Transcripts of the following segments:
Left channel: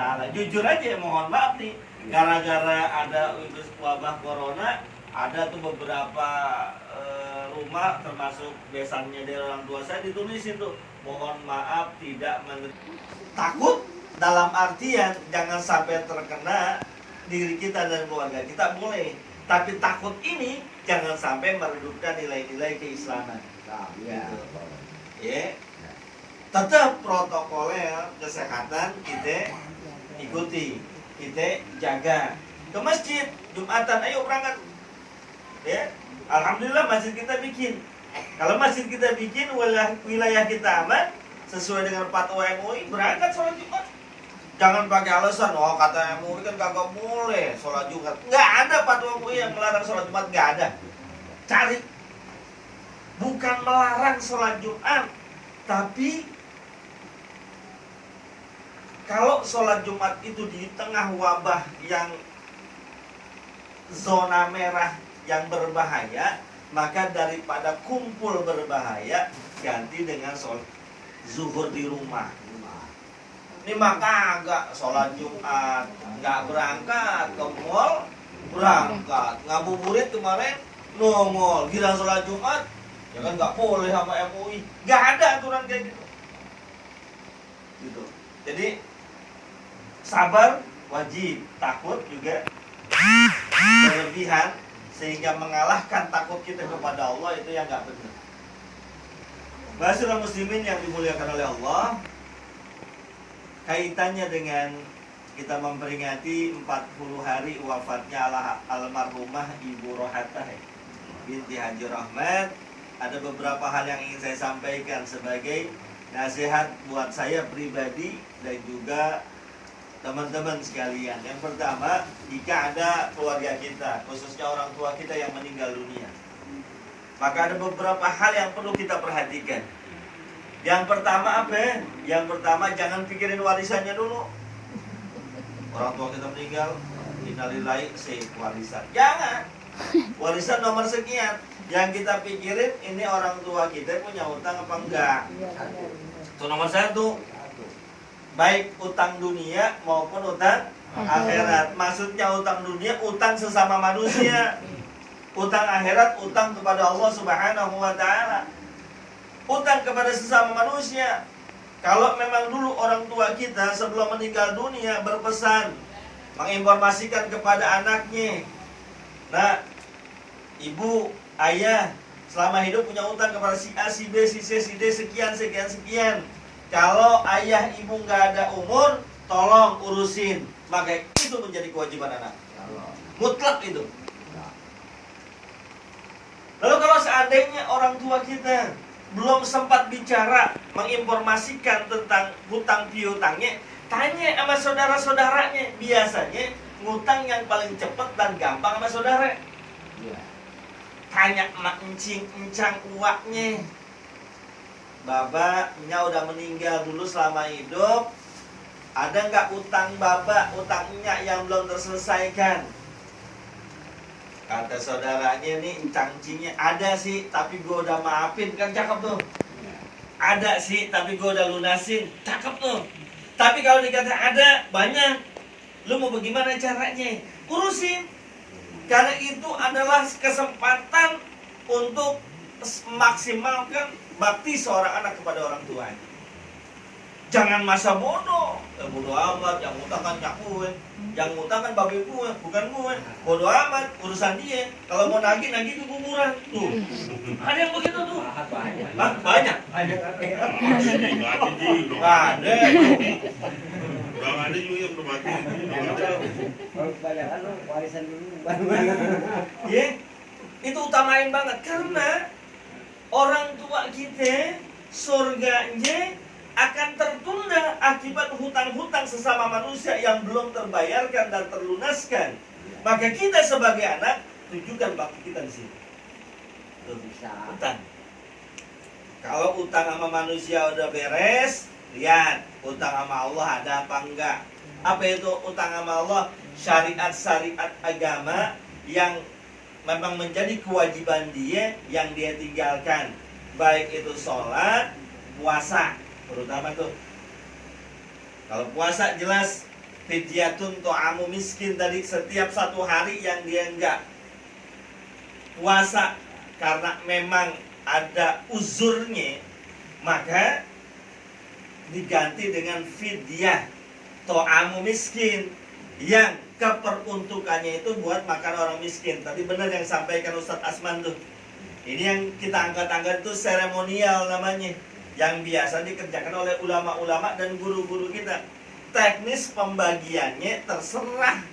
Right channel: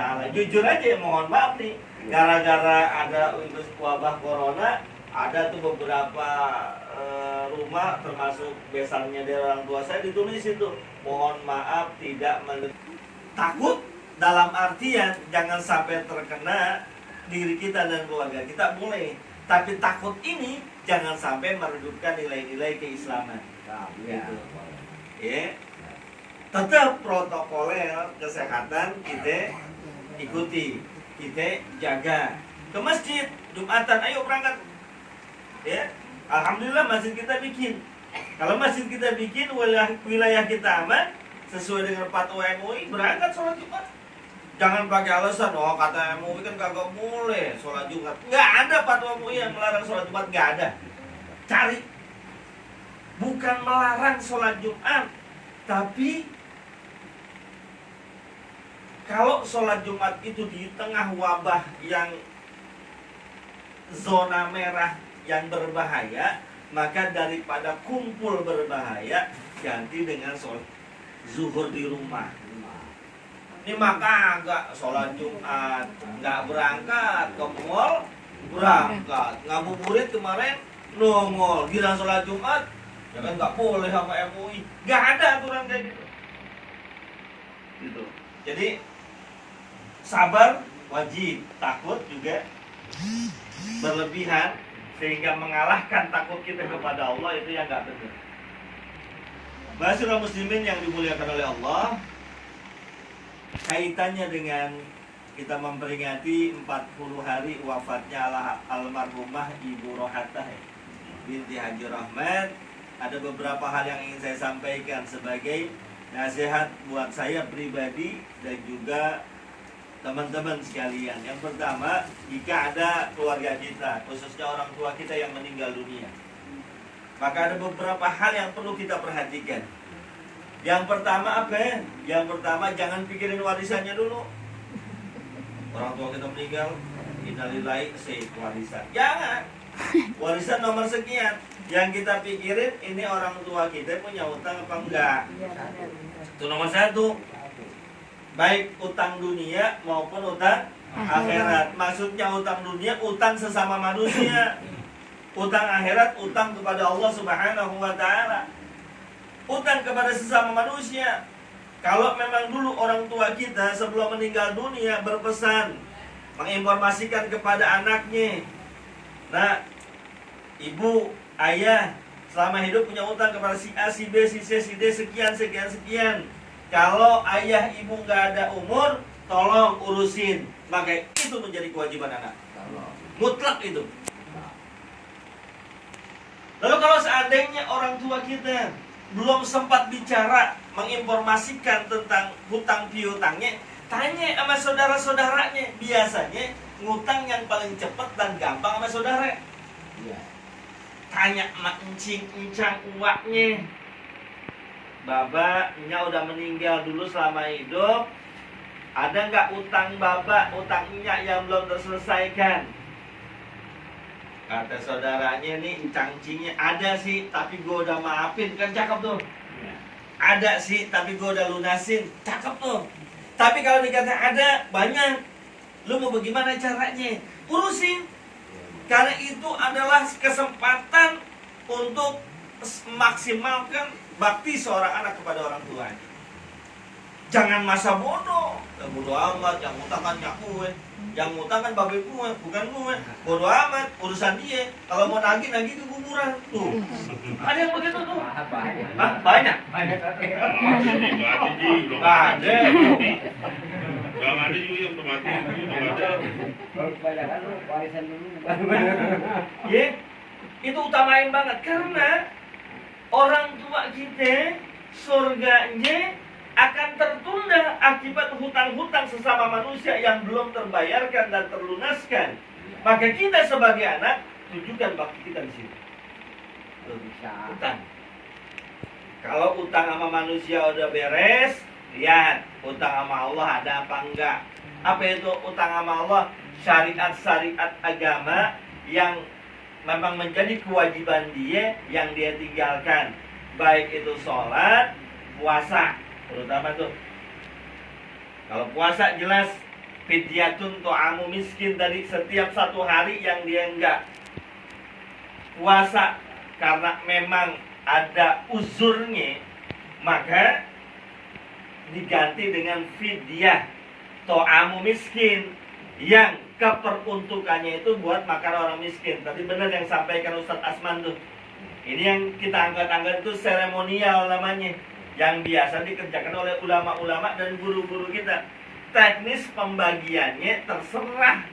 Ta'ala. Jujur aja, mohon maaf nih, gara-gara ada wabah corona, ada tuh beberapa rumah termasuk besannya dari orang tua saya ditulis itu, mohon maaf tidak takut dalam artian jangan sampai terkena diri kita dan keluarga kita boleh, tapi takut ini jangan sampai meredupkan nilai-nilai keislaman. Gitu. Ya. Tetap protokoler kesehatan kita ikuti, kita jaga. Ke masjid Jumatan, ayo berangkat. Ya, alhamdulillah masjid kita bikin. Kalau masjid kita bikin, wilayah kita aman sesuai dengan fatwa MUI, berangkat sholat Jumat. Jangan pakai alasan, oh kata MUI kan kagak boleh sholat Jumat. Nggak ada fatwa MUI yang melarang sholat Jumat, nggak ada. Cari. Bukan melarang sholat Jumat, tapi kalau sholat Jumat itu di tengah wabah yang zona merah yang berbahaya, maka daripada kumpul berbahaya, ganti dengan sholat zuhur di rumah. Ini maka agak sholat Jumat, nggak berangkat ke mall, berangkat ngabuburit kemarin, nongol, gila sholat Jumat, ya kan nggak boleh sama MUI, nggak ada aturan kayak gitu. Gitu. Jadi sabar wajib, takut juga berlebihan sehingga mengalahkan takut kita kepada Allah, itu yang nggak benar. Ma'asyiral muslimin yang dimuliakan oleh Allah, kaitannya dengan kita memperingati 40 hari wafatnya almarhumah Ibu Rohatah binti Haji Rahmat, ada beberapa hal yang ingin saya sampaikan sebagai nasihat buat saya pribadi dan juga teman-teman sekalian. Yang pertama, jika ada keluarga kita, khususnya orang tua kita yang meninggal dunia, maka ada beberapa hal yang perlu kita perhatikan. Yang pertama apa? Yang pertama, jangan pikirin warisannya dulu. Orang tua kita meninggal, innalillahi warisan. Jangan. Warisan nomor sekian. Yang kita pikirin, ini orang tua kita punya utang apa enggak. Itu nomor satu. Baik utang dunia maupun utang akhirat. Maksudnya utang dunia, utang sesama manusia. Utang akhirat, utang kepada Allah Subhanahu wa ta'ala. Utang kepada sesama manusia. Kalau memang dulu orang tua kita sebelum meninggal dunia berpesan, menginformasikan kepada anaknya, nah, ibu, ayah selama hidup punya utang kepada si A, si B, si C, si D, sekian, sekian, sekian. Kalau ayah ibu nggak ada umur, tolong urusin. Maka itu menjadi kewajiban anak. Mutlak itu. Lalu kalau seandainya orang tua kita belum sempat bicara, menginformasikan tentang hutang piutangnya, tanya sama saudara-saudaranya. Biasanya ngutang yang paling cepat dan gampang sama saudara. Tanya emak encing, encang uaknya. Bapaknya udah meninggal dulu selama hidup, ada nggak utang bapak, utang minyak yang belum terselesaikan? Kata saudaranya nih, encang-encingnya, ada sih, tapi gue udah maafin, kan cakep tuh. Ada sih, tapi gue udah lunasin, cakep tuh. Tapi kalau dikata ada, banyak, lu mau bagaimana caranya? Urusin. Karena itu adalah kesempatan untuk memaksimalkan bakti seorang anak kepada orang tuanya. Jangan masa bodoh. Ya bodoh amat, yang ngutang kan nyak gue, yang ngutang kan babe gue, bukan gue. Bodoh amat, urusan dia. Kalau mau nagih di kuburan. Tuh. Ada yang begitu tuh. Hah? Banyak. Ada. Bang ada juga yang udah mati. Kalau kebanyakan lu warisan dulu. Ya, itu utamain banget karena orang tua kita surganya akan tertunda akibat hutang-hutang sesama manusia yang belum terbayarkan dan terlunaskan. Maka kita sebagai anak tunjukkan bakti kita di sini. Utang. Kalau utang sama manusia udah beres, lihat utang sama Allah ada apa enggak. Apa itu utang sama Allah? Syariat-syariat agama yang memang menjadi kewajiban dia yang dia tinggalkan, baik itu sholat, puasa, terutama tuh. Kalau puasa jelas fidyatun to'amu miskin tadi, setiap satu hari yang dia enggak puasa karena memang ada uzurnya, maka diganti dengan fidyah to'amu miskin yang keperuntukannya itu buat makan orang miskin. Tadi benar yang sampaikan Ustadz Asman tuh. Ini yang kita angkat-angkat itu seremonial namanya, yang biasa dikerjakan oleh ulama-ulama dan guru-guru kita. Teknis pembagiannya terserah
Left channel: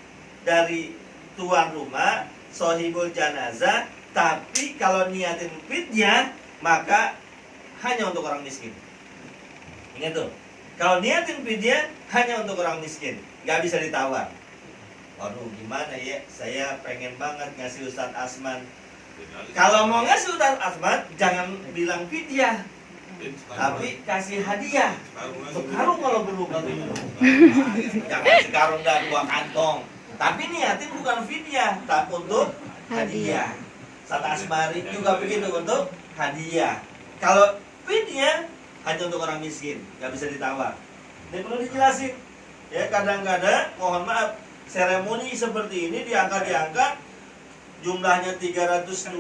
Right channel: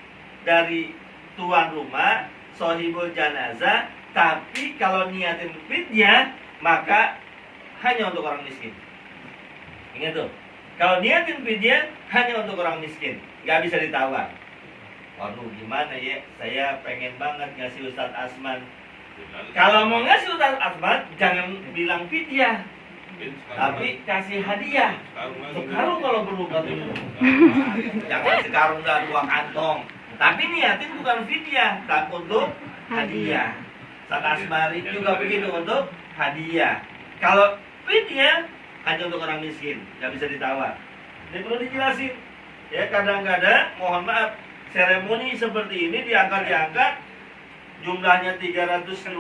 dari tuan rumah, sohibul janazah. Tapi kalau niatin fidyah, maka hanya untuk orang miskin. Ingat tuh, kalau niatin fidyah hanya untuk orang miskin, nggak bisa ditawar. Waduh, gimana ya? Saya pengen banget ngasih Ustadz Asman. Kalau mau ngasih Ustadz Asman, jangan bilang fidyah, tapi kasih hadiah. Sekarung kalau perlu gitu. Jangan sekarung dan 2 kantong. Tapi niatin bukan fidyah, tapi untuk hadiah. Ustadz Asmari juga begitu, untuk hadiah. Kalau fidyah hanya untuk orang miskin, nggak bisa ditawar. Ini perlu dijelasin. Ya, kadang-kadang mohon maaf, seremoni seperti ini diangkat, jumlahnya 325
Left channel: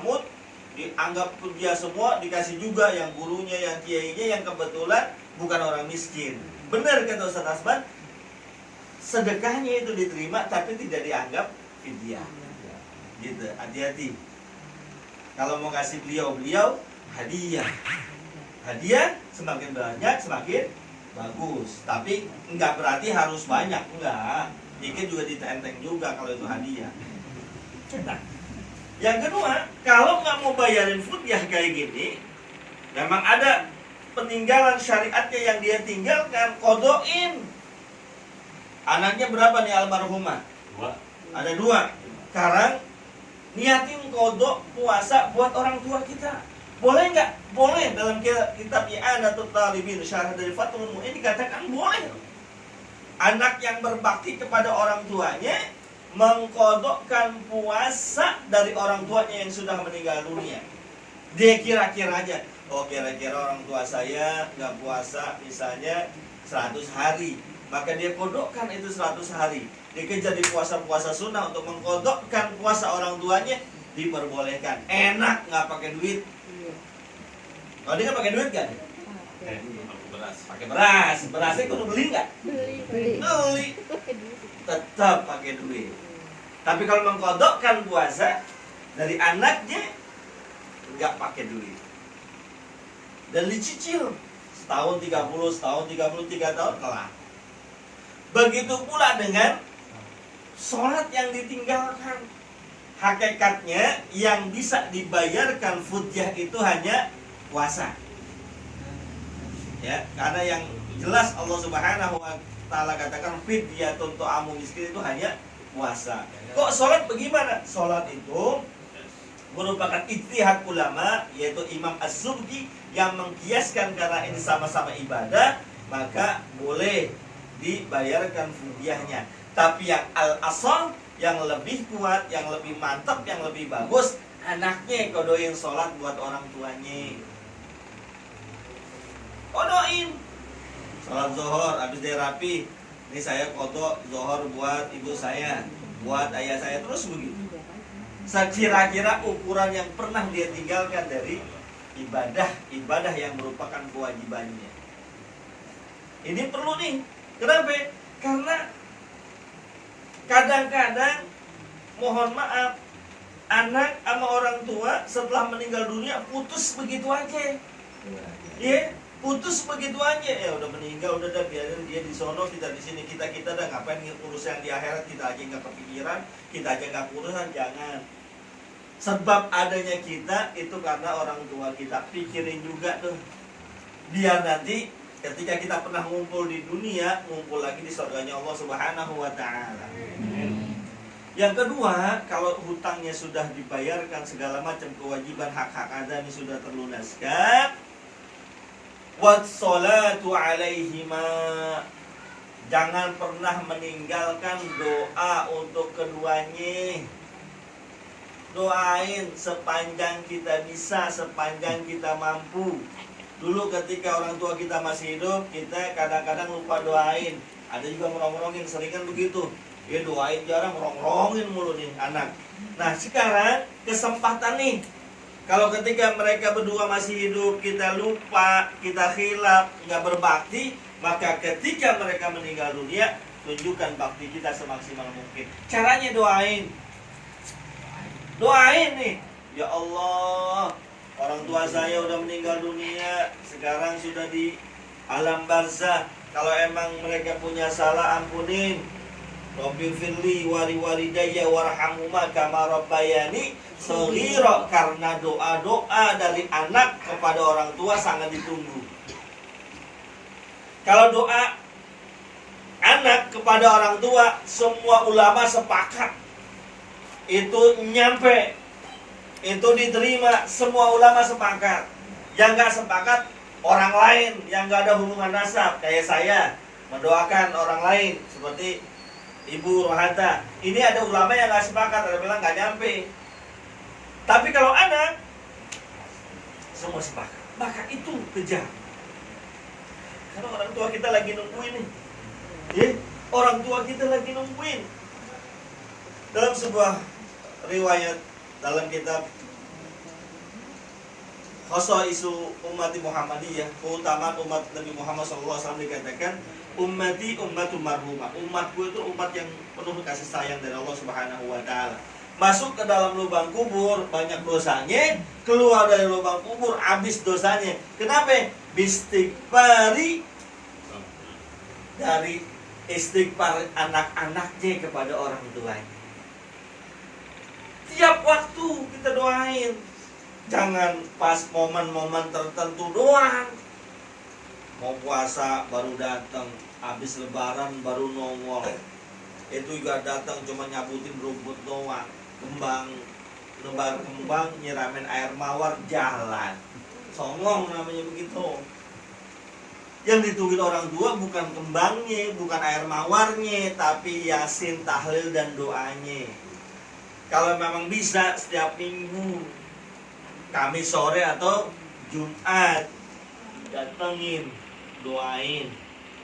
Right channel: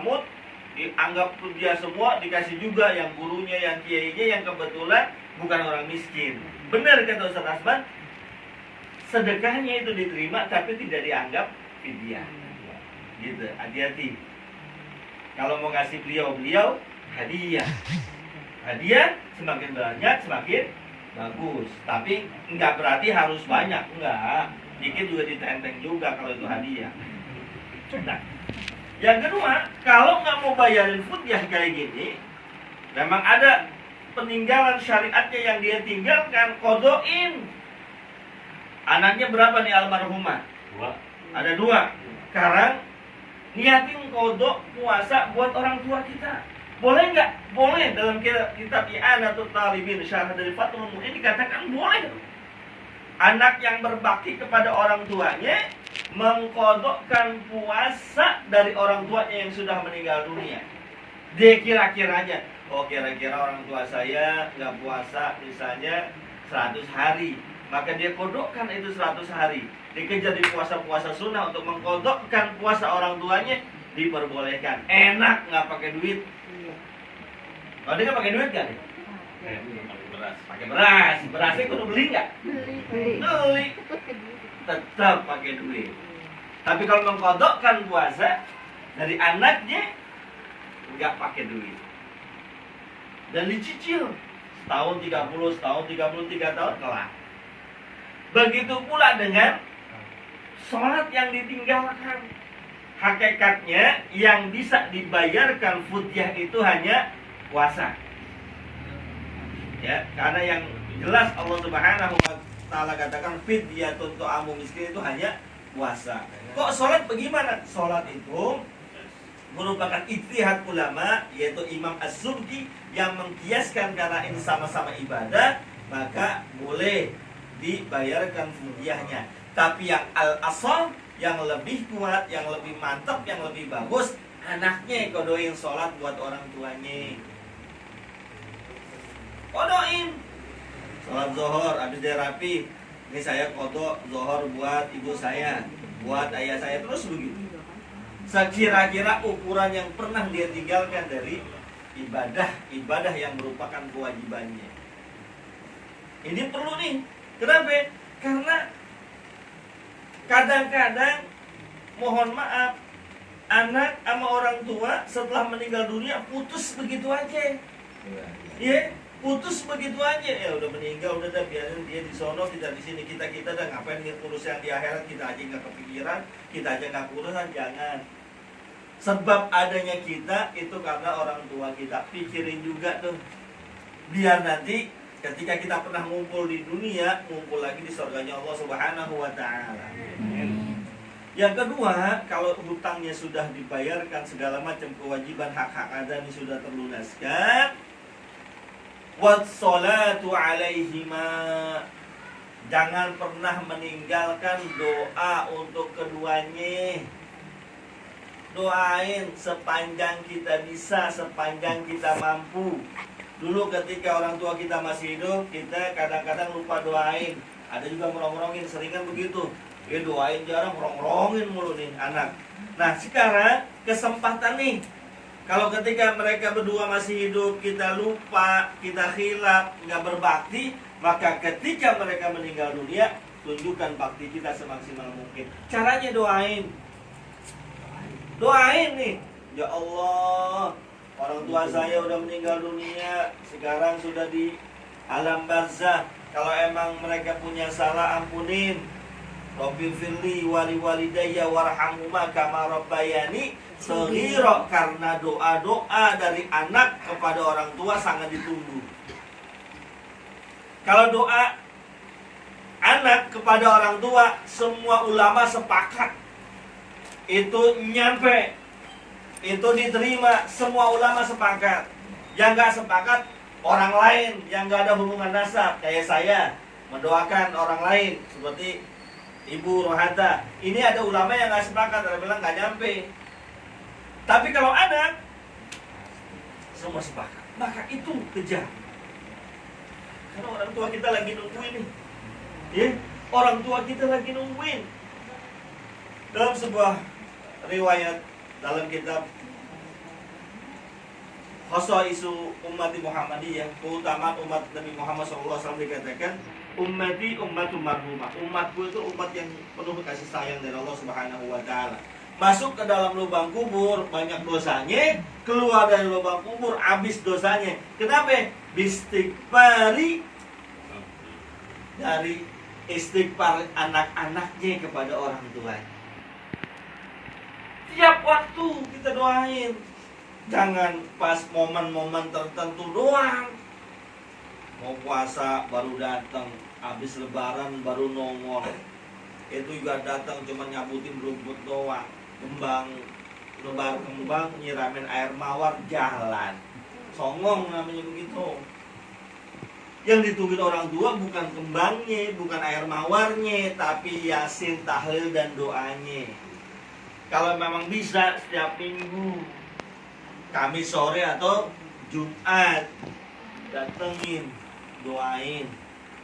mut, dianggap dia semua, dikasih juga yang gurunya, yang kiainya, yang kebetulan bukan orang miskin. Benar kata Ustadz Asman, sedekahnya itu diterima tapi tidak dianggap fidyah. Gitu, hati-hati. Kalau mau ngasih beliau hadiah. Hadiah semakin banyak semakin bagus. Tapi enggak berarti harus banyak, enggak. Dikit juga ditenteng juga kalau itu hadiah. Nah, yang kedua, kalau nggak mau bayarin fidyah kayak gini, memang ada peninggalan syariatnya yang dia tinggalkan, kodoin. Anaknya berapa nih almarhumah? 2. Ada 2. Sekarang niatin kodok puasa buat orang tua kita. Boleh nggak? Boleh. Dalam kitab I'anatul Talibin, syarah dari Fathul Mu'in dikatakan boleh. Anak yang berbakti kepada orang tuanya mengkodokkan puasa dari orang tuanya yang sudah meninggal dunia. Dia kira-kira aja, oh kira-kira orang tua saya nggak puasa misalnya 100 hari, maka dia kodokkan itu 100 hari. Dikejar di puasa-puasa sunnah untuk mengkodokkan puasa orang tuanya, diperbolehkan. Enak, nggak pakai duit. Kalau dia nggak pakai duit kan? Pakai beras. Berasnya kudu beli nggak? Beli. Tetap pakai duit. Tapi kalau mengkodokkan puasa dari anaknya, nggak pakai duit. Dan dicicil setahun 30, setahun 33 tahun kelar. Begitu pula dengan sholat yang ditinggalkan. Hakikatnya yang bisa dibayarkan fidyah itu hanya puasa. Ya, karena yang jelas Allah Subhanahu wa taala katakan fidyatun to'amu miskin itu hanya puasa. Kok sholat bagaimana? Sholat itu merupakan ijtihad ulama, yaitu Imam Az-Zubki yang mengkiaskan karena ini sama-sama ibadah, maka boleh dibayarkan fidyahnya. Tapi yang al-asal, yang lebih kuat, yang lebih mantap, yang lebih bagus, anaknya kodoin sholat buat orang tuanya. Kodoin sholat zuhur, habis dia rapi, ini saya kodok zuhur buat ibu saya, buat ayah saya, terus begitu. Sekira-kira ukuran yang pernah dia tinggalkan dari ibadah yang merupakan kewajibannya. Ini perlu nih. Kenapa? Karena kadang-kadang mohon maaf, anak sama orang tua setelah meninggal dunia putus begitu aja. Ya, putus begitu aja. Ya udah meninggal, udah biarin dia di sono, kita di sini, kita dah ngapain ngurus yang di akhirat, kita aja nggak kepikiran, kita aja nggak urusan, jangan. Sebab adanya kita itu karena orang tua kita. Pikirin juga tuh, biar nanti ketika kita pernah ngumpul di dunia, ngumpul lagi di surganya Allah Subhanahu wa taala. Yang kedua, kalau hutangnya sudah dibayarkan, segala macam kewajiban hak-hak adami sudah terlunaskan, wassalatu alaihima, jangan pernah meninggalkan doa untuk keduanya. Doain sepanjang kita bisa, sepanjang kita mampu. Dulu ketika orang tua kita masih hidup, kita kadang-kadang lupa doain. Ada juga merong-rongin, seringan begitu. Ya doain jarang, merong-rongin mulu nih anak. Nah sekarang kesempatan nih. Kalau ketika mereka berdua masih hidup, kita lupa, kita khilaf, nggak berbakti, maka ketika mereka meninggal dunia, tunjukkan bakti kita semaksimal mungkin. Caranya doain. Doain nih. Ya Allah, orang tua saya udah meninggal dunia, sekarang sudah di alam barzah. Kalau emang mereka punya salah, ampunin. Rabbi firli wali walidayya warhamhuma kama rabbayani shaghira, karena doa-doa dari anak kepada orang tua sangat ditunggu. Kalau doa anak kepada orang tua, semua ulama sepakat itu nyampe, itu diterima, semua ulama sepakat. Yang gak sepakat orang lain yang gak ada hubungan nasab, kayak saya mendoakan orang lain seperti Ibu Rohata. Ini ada ulama yang gak sepakat, ada bilang gak nyampe. Tapi kalau anak, semua sepakat, maka itu kejar. Karena orang tua kita lagi nungguin nih, ya, orang tua kita lagi nungguin. Dalam sebuah riwayat dalam kitab Khosaisu Ummati Muhammadiyah, keutamaan umat Nabi Muhammad SAW, dikatakan ummati ummatu marhumah. Umatku itu umat yang penuh kasih sayang dari Allah Subhanahu wa taala. Masuk ke dalam lubang kubur banyak dosanya, keluar dari lubang kubur habis dosanya. Kenapa? Bistighfari, dari istighfar anak-anaknya kepada orang tuanya. Tiap waktu kita doain. Jangan pas momen-momen tertentu doang. Mau puasa baru datang, habis lebaran baru nongol. Itu juga datang cuma nyabutin rumput doang, kembang, nebar kembang, nyiramin air mawar, jalan. Songong namanya begitu. Yang ditungguin orang tua bukan kembangnya, bukan air mawarnya, tapi yasin, tahlil, dan doanya. Kalau memang bisa setiap minggu, Kamis sore atau Jumat, datengin, doain,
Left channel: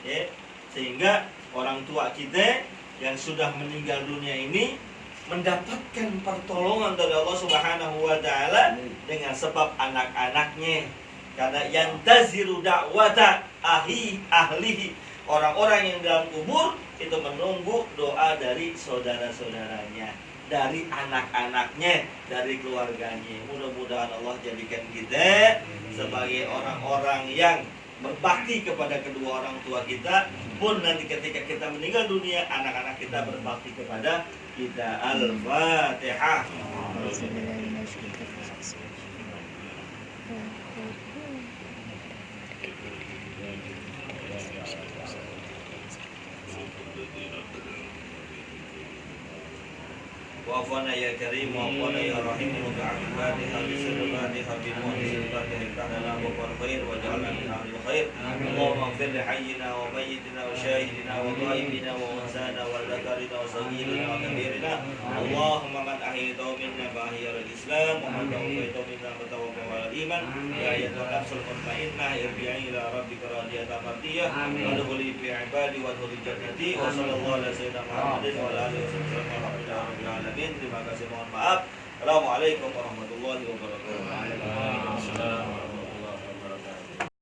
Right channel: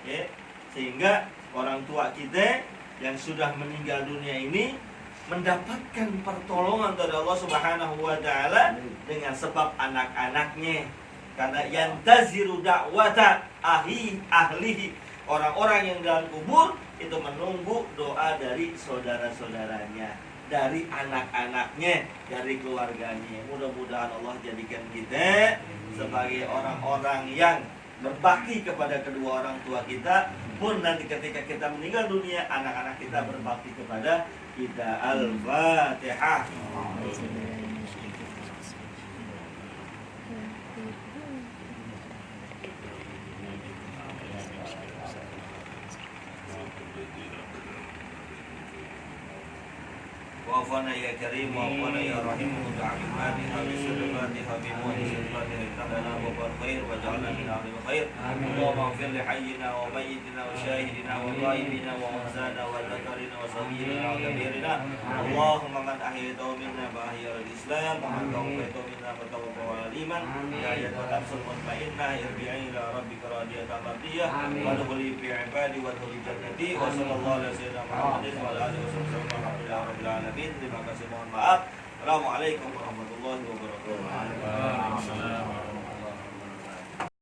ya, sehingga orang tua kita yang sudah meninggal dunia ini mendapatkan pertolongan dari Allah Subhanahu wa taala dengan sebab anak-anaknya. Karena yang taziru da'wata ahlihi, orang-orang yang dalam kubur itu menunggu doa dari saudara-saudaranya, dari anak-anaknya, dari keluarganya. Mudah-mudahan Allah jadikan kita sebagai orang-orang yang berbakti kepada kedua orang tua kita, pun nanti ketika kita meninggal dunia, anak-anak kita berbakti kepada kita. Al-Fatihah. Wa'afana ya karim, wa'afana ya rahim, wa'afani habisurbani habinu habisurbani hitamana wa'afan khair, wa'ja'alna min amin khair. Allahumma gfir li hayyina wa mayyitina wa syahidina wa ghaibina wa mansana wa zakarina wa saghirina wa kabirina. Allahumma man ahyaytahu minna fa ahya al-islam, wa man tawaffaytahu minna fa tawaffa ala al-iman. Ya ayyatuhan nafsul mutmainnah, irji'i ila rabbika radiyatan mardiyah, wa dkhuli fi ibadi wa dkhuli jannati. Wa sallallahu alaihi wasallam Muhammadin wa ala alihi wasallam. Terima kasih, mohon maaf. Assalamualaikum warahmatullahi wabarakatuh.